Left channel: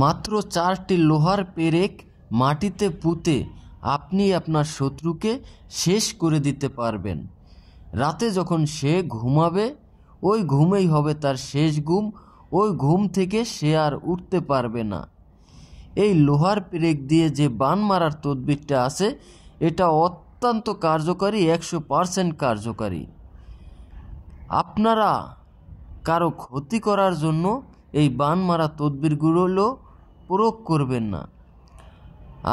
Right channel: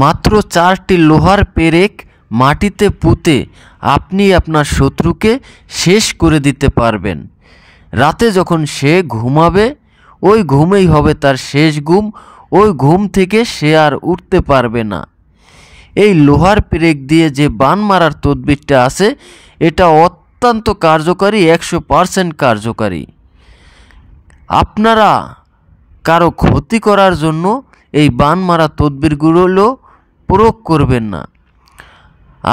মাত্র 4টি লোহার পেরেক মাটিতে পুঁতে আপনি আপনার শত্রুকে শেষ করে দিতে পারবেন। রাতে যখন সে ঘুমাবে ওই ঘুমেই হবে তার শেষ ঘুম, ওই ঘুম থেকে সে আর উঠতে পারবে না। এই লোহার পেরেক দিয়ে যে বান মারার তদবিরটা আছে এটা অত্যন্ত কার্যকারী, 100% কার্যকারী। আপনারা কারো ক্ষতি করার জন্য এই বান মারা তদবিরগুলো প্রয়োগ করবেন না।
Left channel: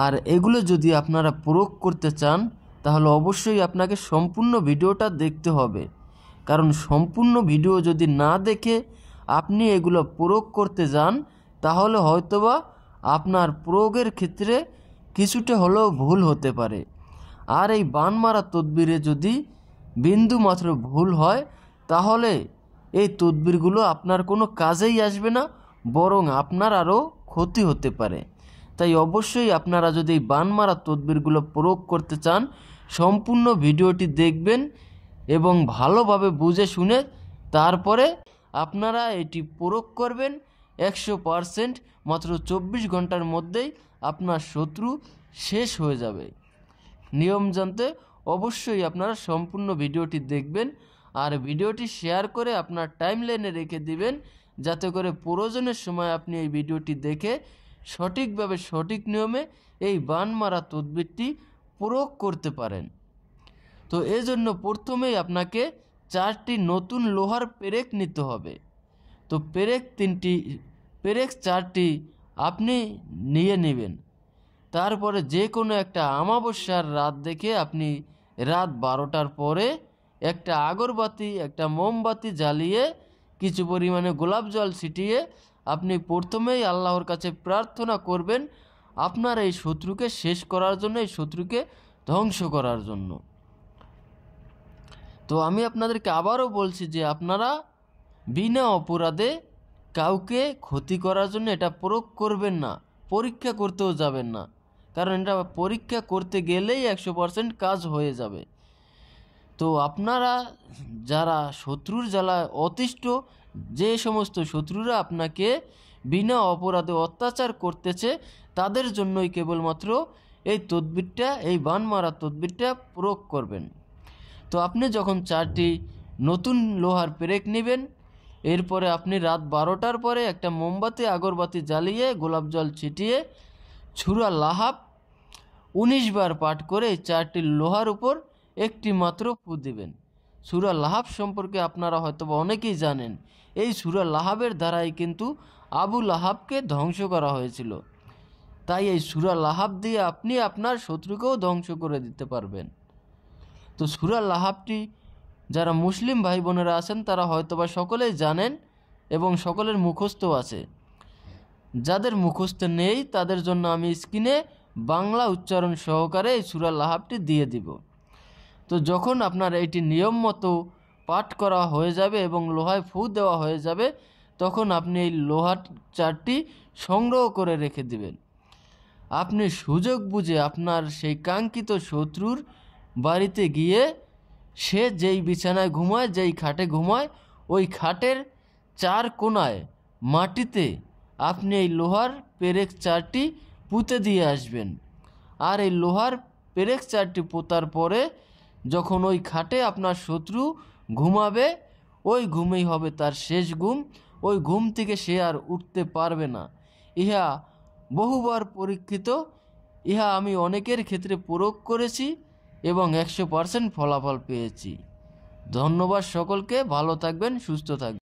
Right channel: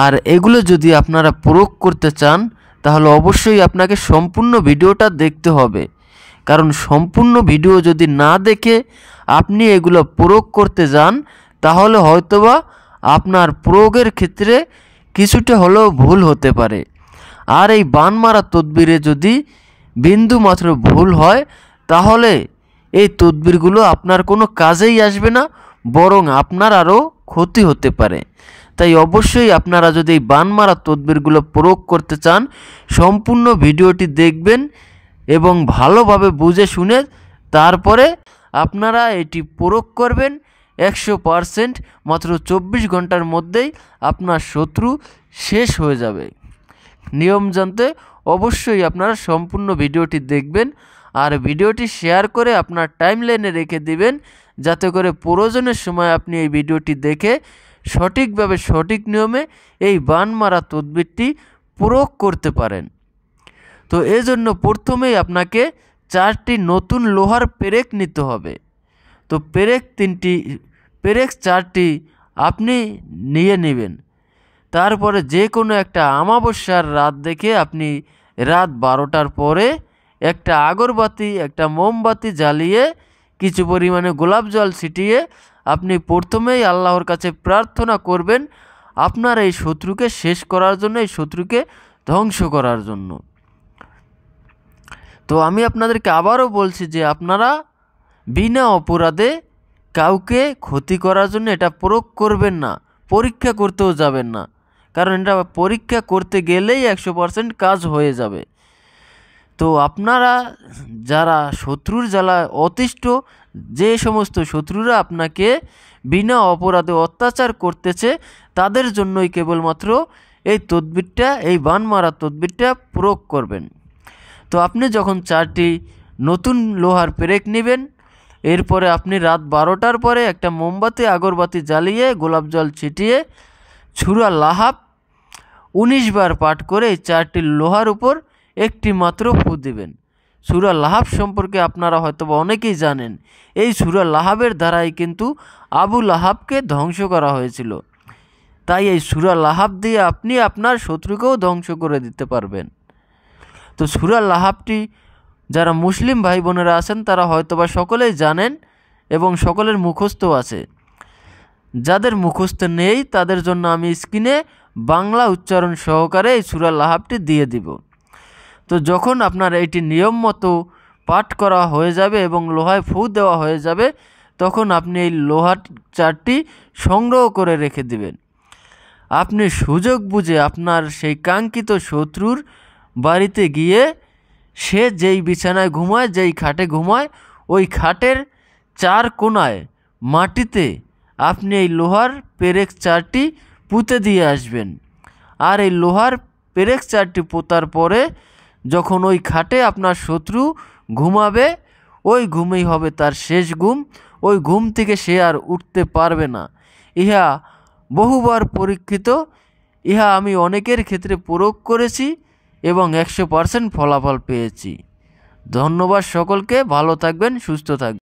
আর এগুলো যদি আপনারা প্রয়োগ করতে চান তাহলে অবশ্যই আপনাকে সম্পূর্ণ ভিডিওটা দেখতে হবে, কারণ সম্পূর্ণ ভিডিও যদি না দেখে আপনি এগুলো প্রয়োগ করতে যান তাহলে হয়তোবা আপনার প্রয়োগের ক্ষেত্রে কিছুটা হলেও ভুল হতে পারে। আর এই বান মারা তদবিরে যদি বিন্দু মাত্র ভুল হয় তাহলে এই তদবিরগুলো আপনার কোনো কাজেই আসবে না, বরং আপনার আরও ক্ষতি হতে পারে। তাই অবশ্যই আপনারা যদি এই বান মারা তদবিরগুলো প্রয়োগ করতে চান সম্পূর্ণ ভিডিওটি দেখবেন এবং ভালোভাবে বুঝে শুনে তারপরে আপনারা এটি প্রয়োগ করবেন। 100% মাত্র 24 ঘন্টার মধ্যেই আপনার শত্রু শেষ হয়ে যাবে। নিয়ম জানতে অবশ্যই আপনারা সম্পূর্ণ ভিডিওটি দেখবেন আর ভিডিওটি শেয়ার করে আপনার টাইমলাইনে রেখে দিবেন, যাতে করে প্রয়োজনের সময় আপনি এই ভিডিওটি দেখে সঠিকভাবে সঠিক নিয়মে এই বান মারা তদবিরটি প্রয়োগ করতে পারেন। তো এজন্য প্রথমেই আপনাকে 4টি নতুন লোহার পেরেক নিতে হবে। তো পেরেক 4টি আপনি নিয়ে নেবেন। তারপরে যে কোনো একটা অমাবস্যার রাত দেখে আপনি রাত 12টার পরে একটা আগরবাতি একটা মোমবাতি জ্বালিয়ে কিছু পরিমাণে গোলাপ জল ছিটিয়ে আপনি প্রথমেই আল্লাহর কাছে প্রার্থনা করবেন আপনার এই শত্রুকে শেষ করার জন্য, এই শত্রুকে ধ্বংস করার জন্য। তো আমি আপনাদেরকে আবারও বলছি যে আপনারা বিনা অপরাধে কাউকে ক্ষতি করার জন্য এটা প্রয়োগ করবেন না, পরীক্ষা করতেও যাবেন না, কারণ এটা পরীক্ষা করতে গেলেই 100% কাজ হয়ে যাবে। তো আপনারা যারা শত্রুর জ্বালায় অতিষ্ঠ, যে সমস্ত শত্রুরা আপনাকে বিনা অপরাধে অত্যাচার করতেছে তাদের জন্যই কেবলমাত্র এই তদবিরটা, এই বান মারা তদবিরটা প্রয়োগ করবেন। তো আপনি যখন 4টি নতুন লোহার পেরেক নেবেন, এরপরে আপনি রাত 12টার পরে একটা মোমবাতি আগরবাতি জ্বালিয়ে গোলাপ জল ছিটিয়ে সূরা লাহাব 19 বার পাঠ করে এই 4টি লোহার উপর একটি মাত্র ফু দিবেন। সূরা লাহাব সম্পর্কে আপনারা হয়তো অনেকেই জানেন, এই সূরা লাহাবের দ্বারাই কিন্তু আবু লাহাবকে ধ্বংস করা হয়েছিল। তাই এই সূরা লাহাব দিয়ে আপনি আপনার শত্রুকেও ধ্বংস করে দিতে পারবেন। তো সূরা লাহাবটি যারা মুসলিম ভাই বোনেরা আছেন তারা হয়তোবা সকলেই জানেন এবং সকলের মুখস্থ আছে। যাদের মুখস্থ নেই তাদের জন্য আমি স্ক্রিনে বাংলা উচ্চারণ সহকারে এই সূরা লাহাবটি দিয়ে দিব। তো যখন আপনার এইটি নিয়ম মতো পাঠ করা হয়ে যাবে এবং লোহায় ফু দেওয়া হয়ে যাবে তখন আপনি এই লোহার 4টি সংগ্রহ করে রেখে দিবেন। আপনি সুযোগ বুঝে আপনার সেই কাঙ্ক্ষিত শত্রুর বাড়িতে গিয়ে সে যেই বিছানায় ঘুমায়, যেই খাটে ঘুমায়, ওই খাটের 4 কোণায় মাটিতে আপনি এই লোহার পেরেক 4টি পুঁতে দিয়ে আসবেন। আর এই লোহার পেরেক 4টি পোতার পরে যখন ওই খাটে আপনার শত্রু ঘুমাবে ওই ঘুমেই হবে তার শেষ ঘুম, ওই ঘুম থেকে সে আর উঠতে পারবে না। ইহা বহুবার পরীক্ষিত, ইহা আমি অনেকের ক্ষেত্রে প্রয়োগ করেছি এবং 100% ফলাফল পেয়েছি। ধন্যবাদ সকলকে, ভালো থাকবেন, সুস্থ থাকবেন।